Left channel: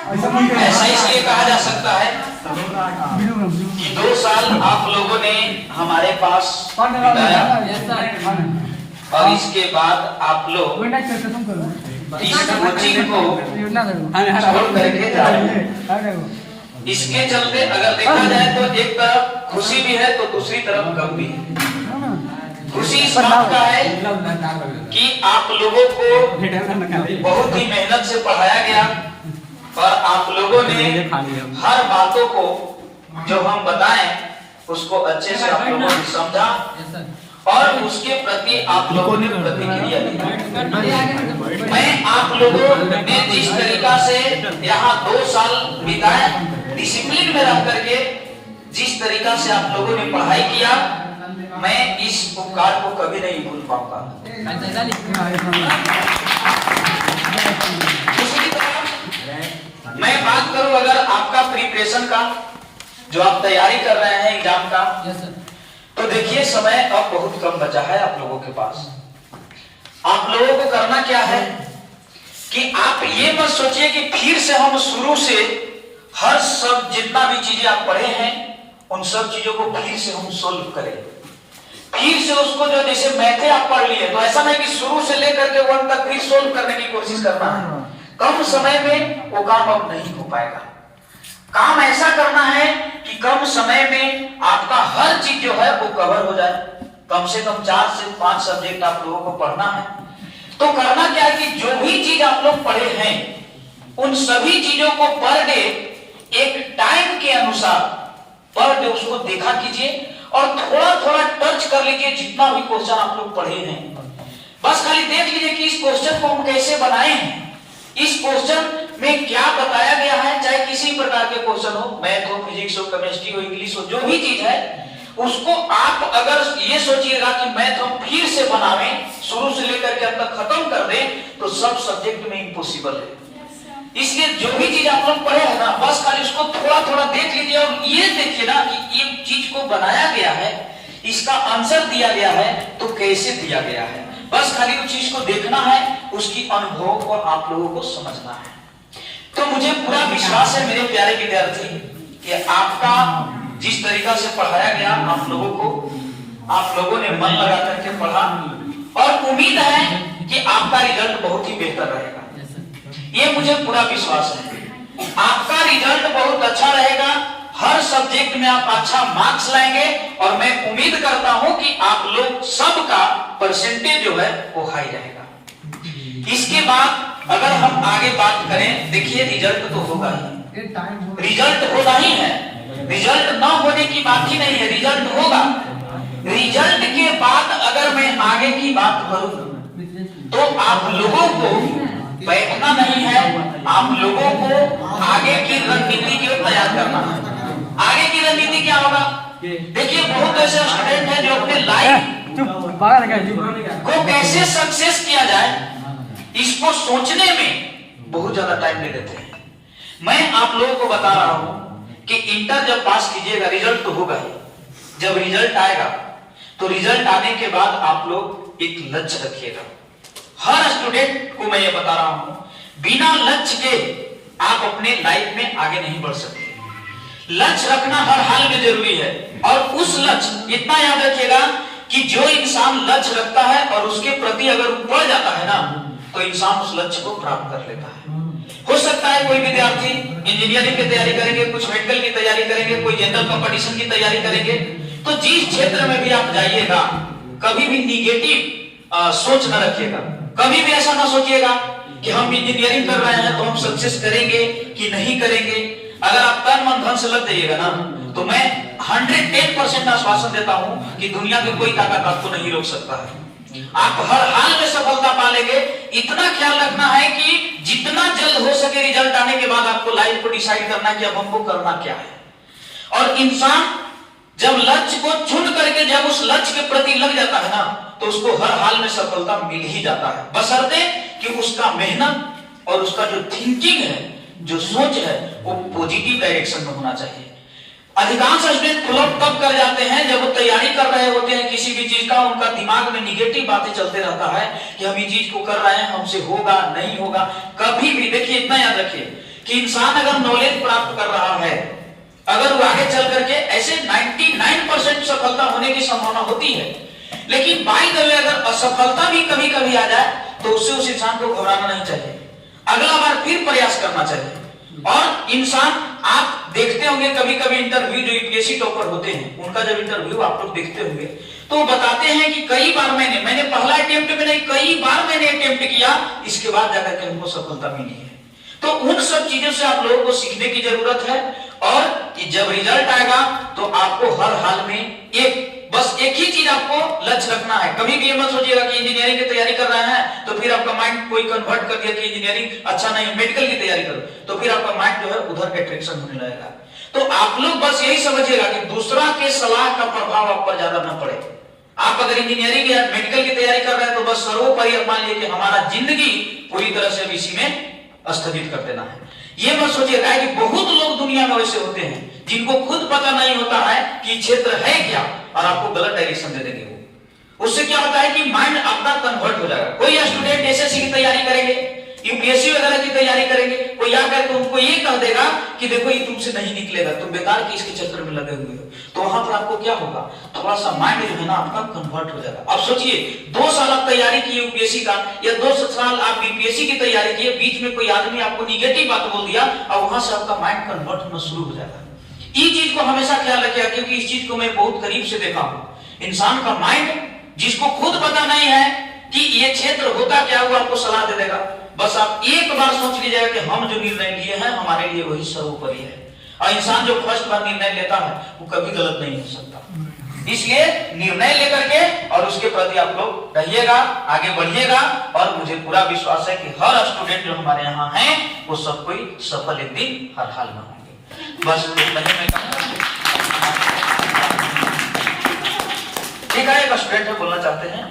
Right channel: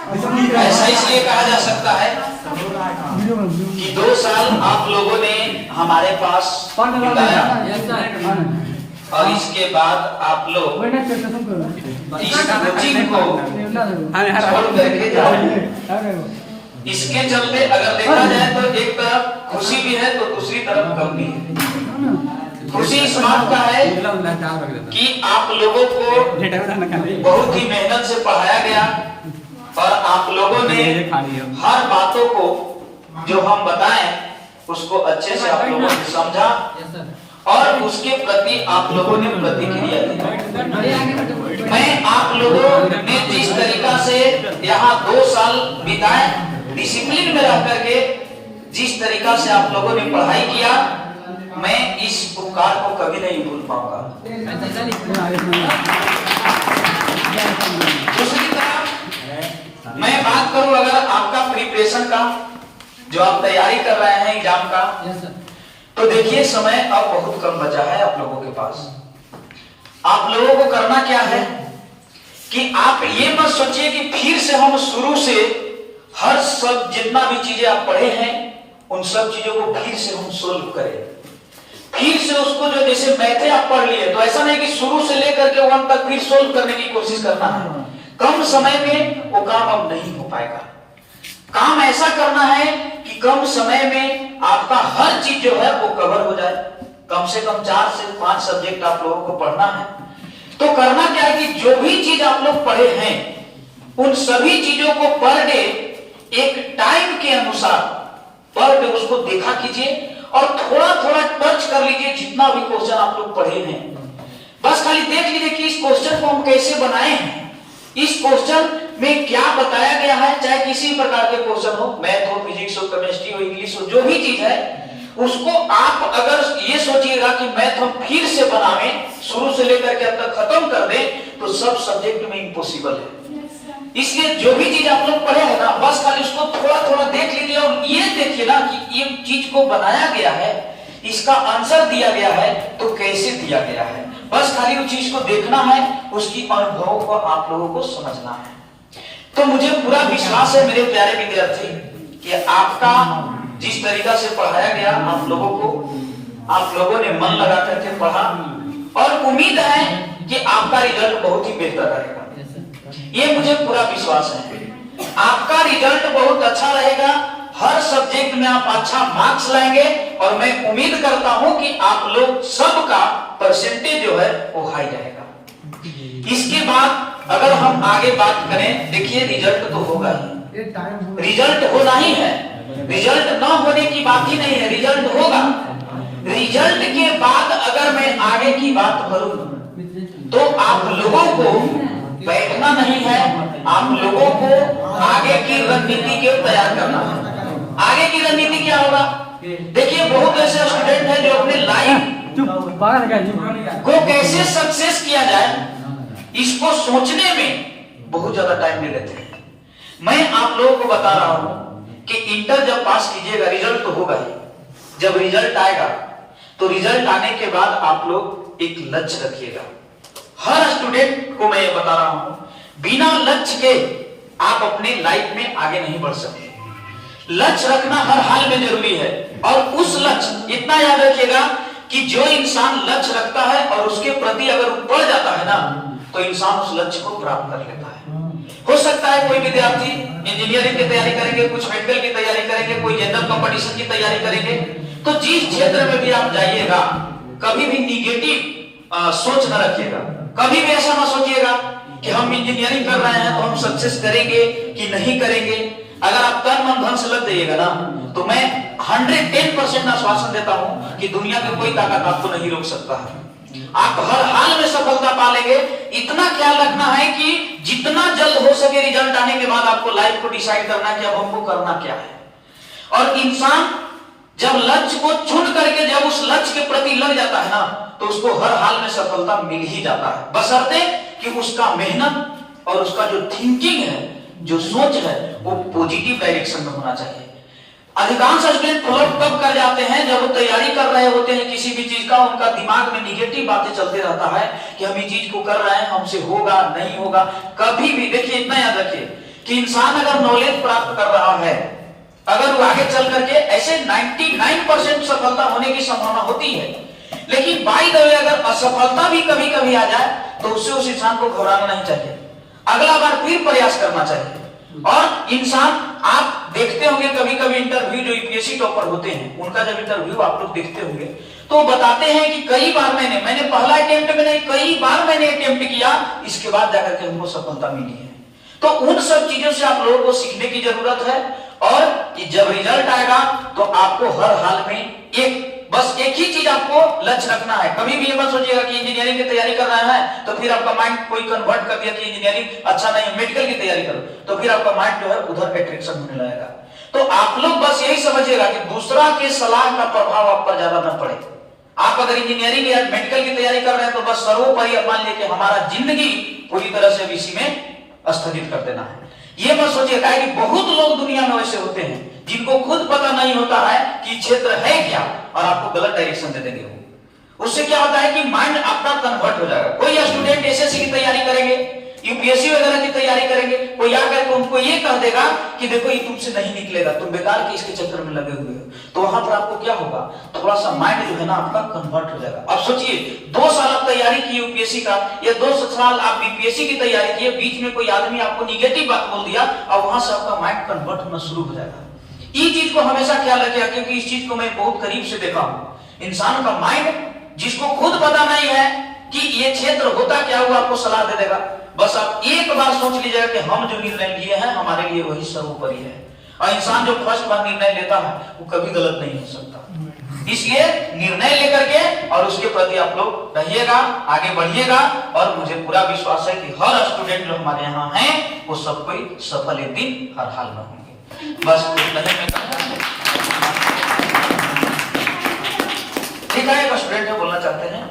ऐसा इसलिए कहा जा सकता है कि 2 साल आप लोगों ने हमारे पास बिताया और इसके बाद आप लोग इस कोचिंग को छोड़ करके जा रहे हैं। इसके चलते अगर देखा जाए तो एक तरफ खुशी भी है तो दूसरी तरफ गम भी है। खुशी इस बात का है कि आप लोगों को बहुत ही मेहनत से पढ़ाया गया और आप लोगों ने हर बातों को जो हम बताएं उसको अच्छे से आप लोगों ने समझा और उसके प्रति आप लोगों ने प्रतिक्रिया दी। मैं आप लोगों ने जिस तरीका से यहाँ 2 साल बिताए डिसिप्लिन में रह करके जिस तरीका से आप लोगों ने पढ़ाई किया, मैं इस उपकार को कभी नहीं भूल पाऊंगा। दूसरी तरफ मैं बात करूं अगर आपका प्रिपरेशन का, जो आप तैयारी कर रहे हैं एग्जाम का, तो देखिए समय अब बहुत कम बचा है आप लोगों के पास। आप लोगों को करना क्या है कि आप ये मत सोचिए कि फिर से हम शुरू से हर सब जितना भी चीजें आप पढ़े हैं उन सब चीजों को फिर से हम सोल्व करें, फिर से उसको जो जैसे मैथे आप पढ़ लिए तो ऐसा नहीं कि शुरू से लेकर के 1 तक फिर सोल्व करने की कोशिश करना है। कम समय में वो काम अब नहीं हो पाएगा। काम ऐसा करना है कि कम समय में आपका हर चीज जो है वो कवर हो जाए। कम से कम 4 से 5 सब्जेक्ट आप लोगों को पढ़ना है। तो करना क्या है कि जो भी चीज आप लोग पढ़े हैं उन सभी चीजों को पर डे एक टाइम के अनुसार पर डे उसको देखा कीजिए और थोड़ा थोड़ा टच कर लीजिए जितना भी क्वेश्चन आप लोग पढ़े हैं। बस खाली देख लीजिए कि इस क्वेश्चन को हम कैसे बनाए हैं, इस क्वेश्चन में क्या बताया गया है। चाहे किसी प्रकार के क्वेश्चन हो, मैथ हो, फिजिक्स हो, केमिस्ट्री हो, इंग्लिश हो, जो भी चीज है उसको आप अगर ये सोचिएगा कि मैथ हम फिर से बनावें, शुरू से लेकर के अब तक खत्म कर दें, तो सब सब्जेक्ट में इम्पॉसिबल है। इसलिए जो भी चीज आप लोग पढ़े हैं ना, बस खाली उसको थोड़ा थोड़ा देख लीजिए और ये देखिए ना कि ये चीज को बनाया गया है, इसका आंसर दिया गया है तो कैसे दिया गया है। बस खाली उस चीज को देखना है, उसकी अनुभवों को आप लोगों को समझना है। तो मुझे पूरा विश्वास है मेरे प्यारे विद्यार्थी कि आपका जिस तरीका से पढ़ाया गया आप लोगों को, आप लोगों ने मन लगा करके पढ़ा और उम्मीद है कि आपका रिजल्ट बहुत ही बेहतर रहेगा। ये मुझे पूरा विश्वास है आपका रिजल्ट बहुत अच्छा रहेगा। हर सब्जेक्ट में आप अच्छा मार्क्स लाएंगे और मैं उम्मीद करता हूं कि आप लोग सबका परसेंटेज जो है वो हाई रहेगा। इसके बाद अगर हम आगे बात करें, देखिए रिजल्ट तो होगा ही, रिजल्ट होना ही है, रिजल्ट ना होने की बात ही नहीं है, रिजल्ट होगा। रिजल्ट के बाद अगर मैं आगे की बात करूं तो आप लोगों को बैठना नहीं है, आप लोगों को आगे की रणनीति को तैयार करना है। आगे की रणनीति क्या होगा? देखिए बहुत ऐसे स्टूडेंट हैं जो अपने लाइफ को कैसे सक्सेस किया जाए इसको सोचने में बहुत ज्यादा टाइम ले लेते हैं। मैं आप लोगों को बता रहा हूं कि इंटर जब पास कीजिएगा रिजल्ट तो होगा ही। जब रिजल्ट आएगा तो रिजल्ट आने के बाद आप लोग एक लक्ष्य रखिएगा। हर स्टूडेंट को मैं ये बता रहा हूं, बिना लक्ष्य के आप अपने लाइफ में आगे नहीं बढ़ सकते। लक्ष्य रखना हर हाल में जरूरी है और उस लक्ष्य, इतना याद रखिएगा कि जो इंसान लक्ष्य रखता है और उसके प्रति अगर वो बढ़ जाता है ना तो इंसान उस लक्ष्य को प्राप्त कर लेता है। हो सकता है कोई विद्यार्थी इंजीनियरिंग की तैयारी करेंगे, कुछ मेडिकल की तैयारी करेंगे, कोई जनरल कंपटीशन की तैयारी करेंगे। तो जिस क्षेत्र में भी आप जाइएगा कभी भी निगेटिव सोच न रखिएगा। कभी भी ऐसा ना सोचिएगा कि हम इंजीनियरिंग कर रहे हैं तो हम सक्सेस करेंगे कि नहीं करेंगे। अगर आप तन मन धन से लग जाइएगा ना तो मैं 110% आश्वासन देता हूं कि दुनिया की कोई ताकत आपको नहीं रोक सकता है। आप हर हाल में सफलता पा लेंगे। इतना ख्याल रखना है कि जितना जल्द हो सके रिजल्ट आने के बाद आपको लाइफ को डिसाइड करना है कि अब हमको करना क्या है। और इंसान जब लक्ष्य को चुन करके जब उस लक्ष्य के प्रति लग जाता है ना तो उसको हर हाल में सफलता मिल ही जाता है, बशर्ते कि उसका मेहनत और उसका जो थिंकिंग है, जो सोच है वो पॉजिटिव डायरेक्शन में होना चाहिए। अधिकांश स्टूडेंट फ्लॉप तब कर जाते हैं जब वो तैयारी कर रहे होते हैं किसी भी चीज का, उनका दिमाग में निगेटिव बातें चलते रहता है कि हम ये चीज को कर रहे हैं, हमसे होगा नहीं होगा। कभी भी देखिए, इतना याद रखिए कि इंसान अगर नॉलेज प्राप्त कर रहा है, अगर वो आगे चल करके ऐसे 99% सफलता होने की संभावना होती है, लेकिन बाई द वे अगर असफलता भी कभी कभी आ जाए तो उससे उस इंसान को घबराना नहीं चाहिए, अगला बार फिर प्रयास करना चाहिए। और इंसान, आप देखते होंगे कभी कभी इंटरव्यू जो यूपीएससी टॉपर होते हैं, उनका जब इंटरव्यू आप लोग देखते होंगे तो वो बताते हैं कि कई बार मैंने पहला अटेम्प्ट में नहीं, कई बार मैंने अटेम्प्ट किया, इसके बाद जाकर के हमको सफलता मिली है। तो उन सब चीजों से आप लोगों को सीखने की जरूरत है, और जब रिजल्ट आएगा तो आपको हर हाल में बस एक ही चीज आपको लक्ष्य रखना है। कभी भी ये मत सोचिएगा कि इंजीनियरिंग की तैयारी कर रहे हैं तो फिर आपका माइंड कोई कन्वर्ट कर दिया कि इंजीनियरिंग अच्छा नहीं, मेडिकल की तैयारी करो, तो फिर आपका माइंड जो है उधर अट्रैक्शन होने लगेगा। तो आप लोग बस यही समझिएगा कि दूसरा के सलाह का प्रभाव आप पर ज्यादा न पड़े। आप अगर इंजीनियरिंग या मेडिकल की तैयारी कर रहे हैं तो बस सर्वोपरि मान लीजिए कि हमारा जिंदगी पूरी तरह से इसी में स्थगित कर देना है। ये मत सोचिएगा कि बहुत लोग दुनिया में वैसे होते हैं जिनको खुद पता नहीं होता है कि क्षेत्र है क्या, और आपको गलत डायरेक्शन दे देंगे। वो उससे क्या होता है कि माइंड आपका कन्वर्ट हो जाएगा। कोई स्टूडेंट एसएससी की तैयारी करेंगे, यूपीएससी वगैरह की तैयारी करेंगे, कोई आकर के उनको ये कह देगा कि देखो ये तुमसे नहीं निकलेगा, तुम बेकार की इसके चक्कर में लगे हुए हो, तो वहां पर आपको क्या होगा, थोड़ा सा माइंड जो है ना आपका कन्वर्ट हो जाएगा। अब सोचिए 2 साल आप तैयारी की यूपीएससी का, या 2 साल आप बीपीएससी की तैयारी की, बीच में कोई आदमी आपको निगेटिव बात बोल दिया और वहां से आपका माइंड कन्वर्ट होना शुरू हो जाएगा। इस चीज को हमेशा ख्याल रखिएगा, क्योंकि इस चीज को मैं बहुत करीब से देखा हूं। इंसान का माइंड जिसको खुद पता नहीं है कि ये क्षेत्र होता क्या, वो आपको सलाह दे देगा। बस आप एक बार सोच लीजिएगा कि हम जो निर्णय लिए हैं हमारे लिए वही सर्वोपरि है, और इंसान जो फर्स्ट बार निर्णय लेता है वो कभी गलत नहीं हो सकता। इसलिए निर्णय लेकर के और उसके प्रति आप लोग रहिएगा, आगे बढ़िएगा, और मुझे पूरा विश्वास है कि हर स्टूडेंट जो हमारे यहाँ हैं वो सब कोई सफल एक दिन हर हाल में होंगे। बस ठीक है, एक स्टूडेंट बोलना चाहते हैं।